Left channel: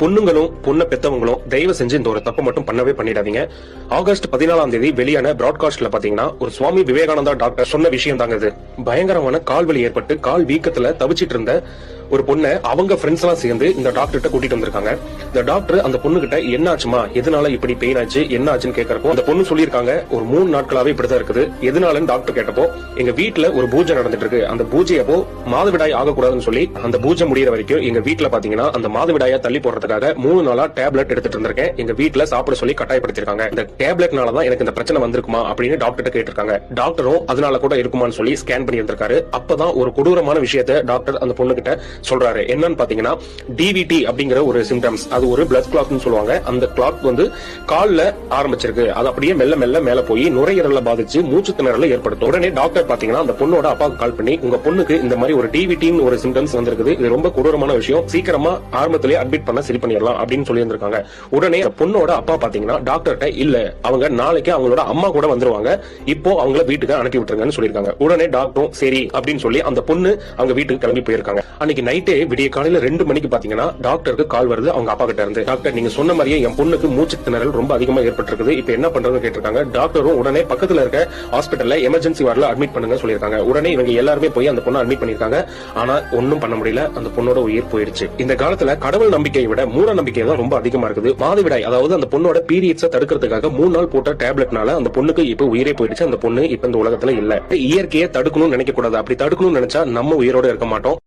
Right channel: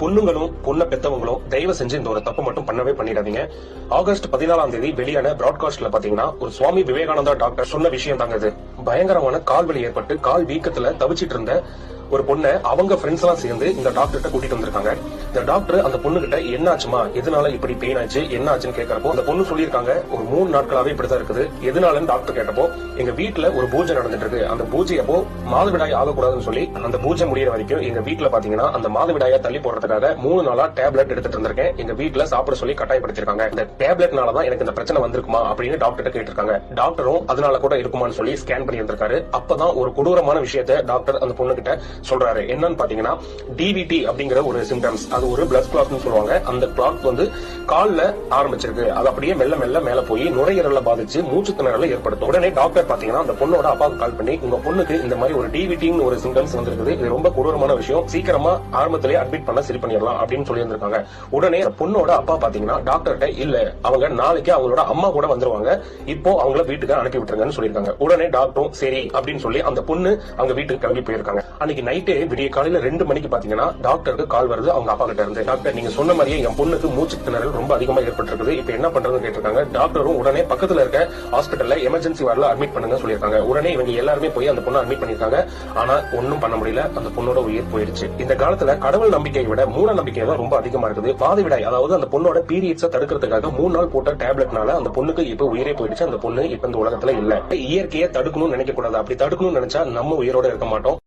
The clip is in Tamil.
பொண்ணுங்களும் பொண்ணை பெத்தவங்களும் தயவு செஞ்சு இந்த ஒரு தப்பு மட்டும் பண்ணவே பண்ணிடாதீங்க. ஆகஸ்ட் 14ஆம் தேதி வெளியான பிராட்காஸ்ட்ல பாத்தீங்கன்னா ஒரு சுவாமி விவேகானந்தா டாக்டர் சொன்ன விஷயம் தாங்க இது. பயங்கரமான கால்வலி ஏற்பட்டு கால் வீக்கத்துல தவிச்சிட்டு இருந்த ஒரு பொண்ணை அவங்க ஃப்ரெண்ட்ஸ் எல்லாம் சேர்ந்து இந்த டாக்டர்கிட்ட கூட்டிட்டு வந்திருக்காங்க. இந்த டாக்டர் அந்த பொண்ணு கிட்ட என்ன ஆச்சுமா, எதனால இப்படி பெயின் ஆச்சு, என்ன ஆச்சுன்னு கேட்கறப்போ அந்த பொண்ணு சொல்லியிருக்காங்க, ஒரு 3 நாட்களாவே இப்படிதான் இருக்குது. எதனாலன்னு டாக்டர் கேட்டப்போ, எங்க வீட்டுல ஒரு பூஜை நடந்துட்டு இருக்கு, அந்த பூஜை அப்போ மாதவிடாய் ஆகக்கூடாதுன்னு சொல்லி அந்த பூஜை முடியற வரைக்கும் எங்க வீட்டுல பாத்தீங்கன்னா அந்த மாதவிடாயா தள்ளி போடுறதுக்காக 3 நாளா டேப்லெட் எடுத்துட்டு இருந்திருக்கேன். எங்க வீட்டுல சாப்பிட சொல்லி கட்டாயப்படுத்திருக்காங்க. இந்த டேப்லெட்னாலதான் எனக்கு இந்த பிரச்சனை வந்திருக்குமா அப்படின்னு டாக்டர் கேட்டிருக்காங்க. டாக்டரும் அதனால கூட இருக்குமான்னு சொல்லி ஸ்கேன் பண்ணி இருந்திருக்காரு. அப்பதான் ஒரு கொடூரமான விஷயத்தை டாக்டர் அந்த பொண்ணு கிட்ட சொல்றாரு. என்னன்னு பாத்தீங்கன்னா டிவிடி அப்படிங்கிற ஒரு சிம்டம்ஸ், அது ஒரு பிளட் கிளாட்னு சொல்லுவாங்க. அந்த கிளாட் வந்து கால்ல ஆரம்பிச்சிருக்கு, அது அப்படியே மெல்ல மெல்ல மேல போய் நுரையீரல்ல பாதிச்சு மூச்சு திணறலை ஏற்படுத்தும். உடனே டாக்டர் பாத்தீங்கன்னா அந்த பொண்ணோட அப்பாவுக்கு கால் பண்ணி, உங்க பொண்ணுக்கு இந்த மாதிரி ஒரு டிவிடின்னு ஒரு சிம்டம்ஸ் வந்திருக்குது, இது ரொம்ப கொடூரமான விஷயம், சீக்கிரமா ஆரம்பத்திலேயே அட்மிட் பண்ண சரி பண்ணிடலாம் அப்படின்னு சொல்லி இருந்திருக்காங்க. உடனே பொண்ணோட அப்பா பாத்தீங்கன்னா டாக்டர்கிட்ட, இல்ல அவங்க நாளைக்கு அவங்களோட அம்மா கூட வந்துருவாங்க, இப்போ அவங்கள வீட்டுக்கு அனுப்பி விட்டுருங்கன்னு சொல்லியிருக்காங்க. உடனே டாக்டரும் சரி அப்படின்னு சொல்லி அந்த பொண்ணு அவங்க வீட்டுக்கு கிளம்பி போயிருக்காங்க. அன்னைக்கு நைட்டே விடிய காலையில 2 மணிக்கு பாத்தீங்கன்னா டாக்டருக்கு கால் வருது அவங்க அப்பா கிட்ட இருந்து. டாக்டர், நீங்க சொன்ன மாதிரியே என் பொண்ணுக்கு மூச்சு திணறல் ரொம்ப அதிகமா ஏற்பட்டிருக்குது, இப்ப என்ன பண்றதுன்னு கேட்டிருக்காங்க. டாக்டரும் உடனே பக்கத்துல இருக்க ஹாஸ்பிட்டல்ல எமர்ஜென்சி வார்டுல அட்மிட் பண்ணுங்க சொல்லியிருக்காங்க. உடனே இவங்க எல்லாருமே போய் அந்த பொண்ணை அட்மிட் பண்ணிருக்காங்க. ஆனா ஒன்னும் பண்ண முடியல, அந்த பொண்ணோட உயிர் போயிடுச்சு. இந்த காலத்துல கடவுள் நம்பிக்கையை விட மூட நம்பிக்கை தான் ரொம்ப அதிகமா இருக்குது. மாதவிடாய் அதாவது அந்த பொண்ணோட பீரியட்ஸை தடுக்கிறதுக்காக 3 நாள் போட்ட டேப்லெட்னால அந்த பொண்ணுக்கு இப்ப உயிரே போயிடுச்சு. அந்த பொண்ணு இப்ப இந்த உலகத்துல இல்ல. இயற்கையை தடுக்கணும்னு நினைக்க கூடாது. அப்படி தடுக்கணும்னு நினைச்சா நம்ம உயிரோட இருக்க மாட்டோம்.